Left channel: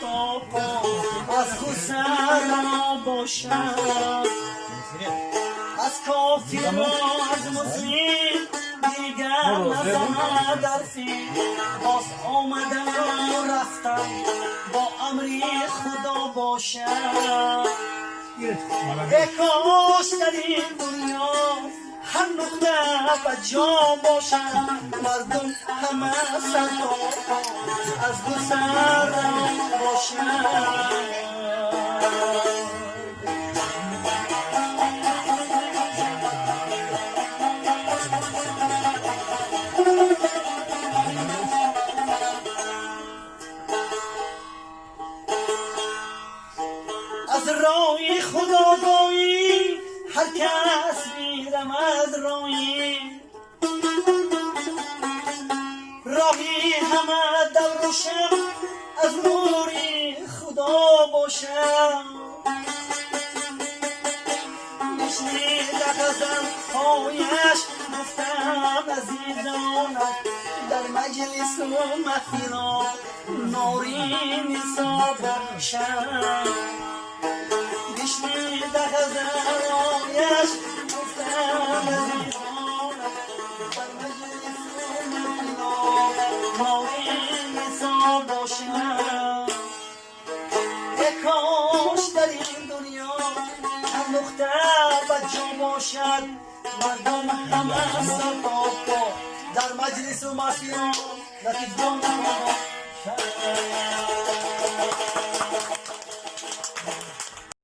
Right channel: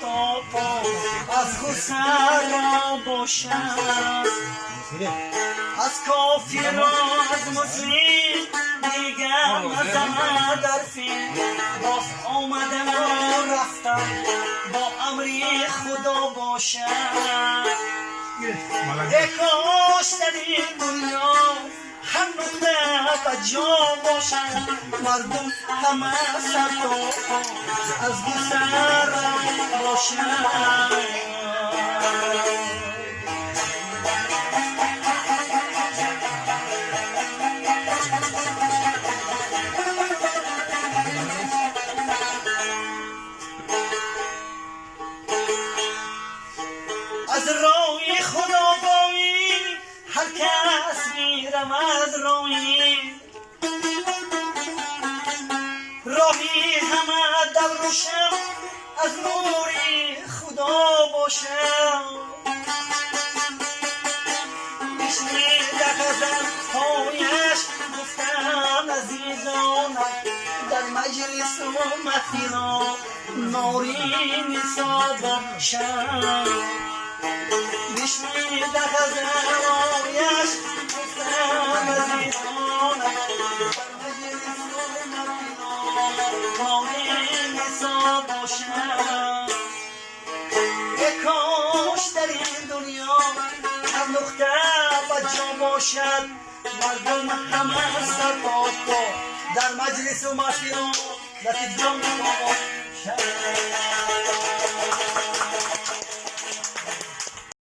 تا پا از خسر را باشد، از کافر و از مسلم دیگر نزند حرفی. باز آمدن و رفتن با امری خدا باشد. ای کاش در این دنیا هر نقطه بجا باشد، مردم همه سر تا پا از گسر باشد. از رای خداگاهی هر کس میرمد راهی، راهی همه در روشن از نوری خدا باشد. بشنیده غزل‌هایش گفتن عزیزانم در مجلس و محفل نوری نسا باشد. بشنیده غزل‌هایش گفتن عزیزانم در مجلس و محفل نوری نسا باشد. ای کاش در این دنیا هر نقطه بجا باشد، مردم همه سر تا پا در مجلس و محفل لطیف جان باشد.